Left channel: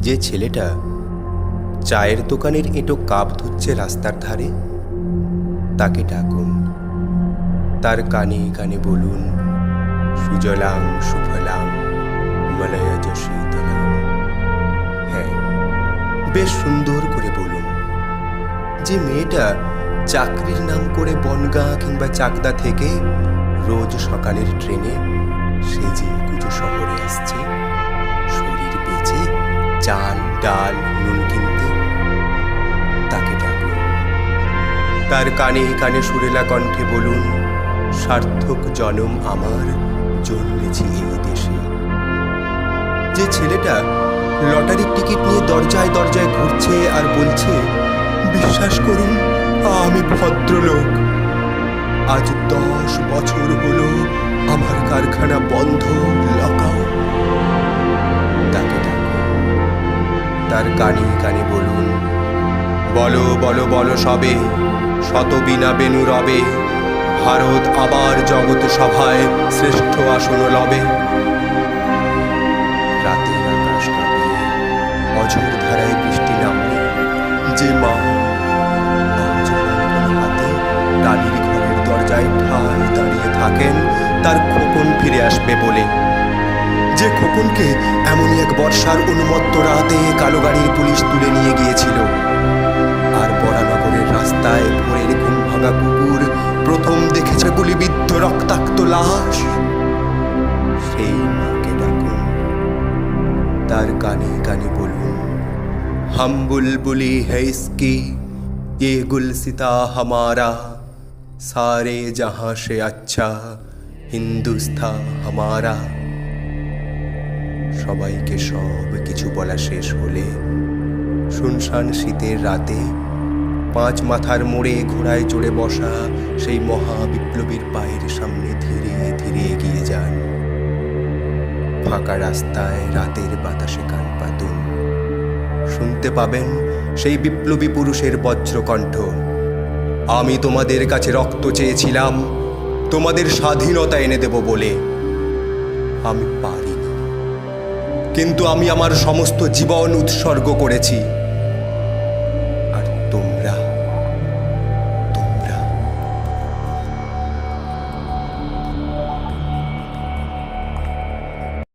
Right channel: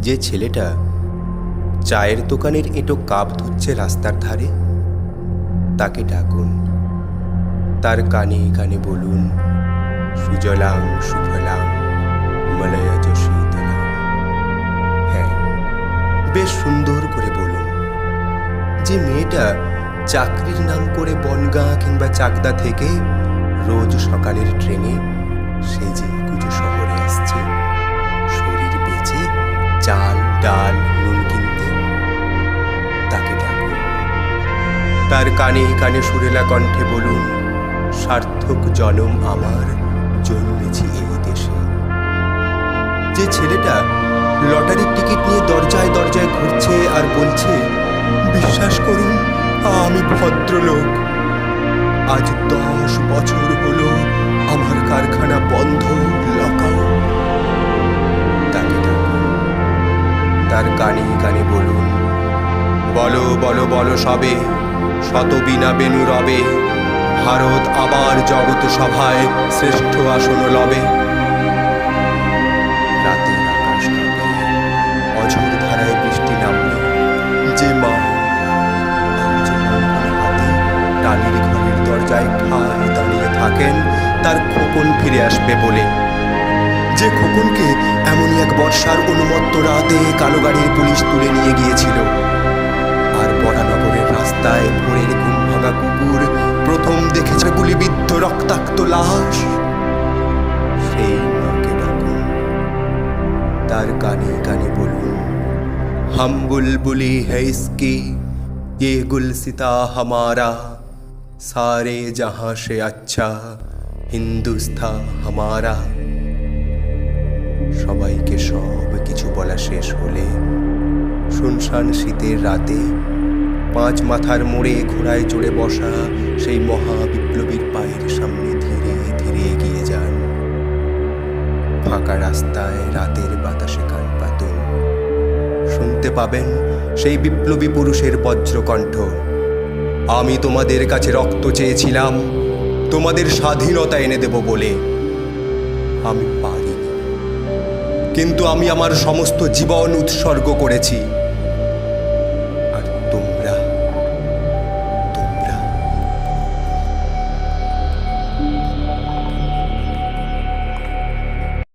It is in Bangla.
যে ছেলেটা চায়ের দোকানের এঁটো কাপ ধুচ্ছে রাস্তার ধারে, তাকে ডাকুন। তার কানে কানে বলুন, সুজলাং সুফলাং মলয়জ শীতলাং। হ্যাঁ বেশ সুন্দর করে বলুন। যে মেয়েটা চাকরির নাম করে বনগাঁ কিংবা চাকদা থেকে রোজ সকালের ট্রেনে সেজে গুজে শহরে আসছে। চাল, ডাল, নুন কিনতে তাকে ডাকুন তার কানে কানে সুরেলা কণ্ঠে বলুন, সার্থক জনম আমার জন্মেছি এই দেশে। যে ছেলেটা লটারির টিকিট নিয়ে দরজায় দরজায় ঘুরছে আর বলছে, বিশ্বাস করুন, আমি ভদ্রলোক। আজ দশ বছর হলো আমার কারখানা বন্ধ লকাও তার কানে কানে বলুন। বলো বলো বলো সবে, শত বিনা বেনু রবে, ভারত আবার জগৎ সভায় শ্রেষ্ঠ আসন লবে। রাতের আকাশ কাঁপিয়ে অঝোর ধারায় বৃষ্টি নামলে, যে মা হাতে টালির ঘরের দরজায় ঠায় দাঁড়িয়ে থাকেন, তার খোকন ফিরে আসবে বলে। যে খোকনকে এমনই এক বর্ষার উন্মত্ত রাতে কালো গাড়ির পুলিশ তুলে নিয়ে গিয়েছিল আর বরানগরের রাস্তায় ভোরের ঘুম ভাঙা কুকুর প্রথম দেখেছে গুলিবিদ্ধ রক্তাক্ত লাশ সেই মাকে ডাকুন তার কানে কানে বলুন हम बुलबुली है इसकी ये गुलसिता हमारा सारे जहां से अच्छा হিন্দুস্থা হামারা সবাইকে সব কিছু বলা শেষ হলে শুনশান শীতের রাতে পাঁচ মাথার মোড়ে ঘোড়ায় চড়ে বসা সেই মহা বিপ্লবীর পায়ের সামনে ধীরে ধীরে এগিয়ে যান। ফাঁকা রাস্তায় রাতের বাতাসে কান পাতুন। শুনতে পাবেন সেই বিপ্লবী পুরুষের বজ্রকণ্ঠ। আমি তোমাদের কাছে রক্ত চেয়েছিলাম, তোমাদের স্বাধীনতা এনে দেব বলে। আমি পারিনি কিন্তু আমি আমার সমস্ত জীবন উৎসর্গ করেছি।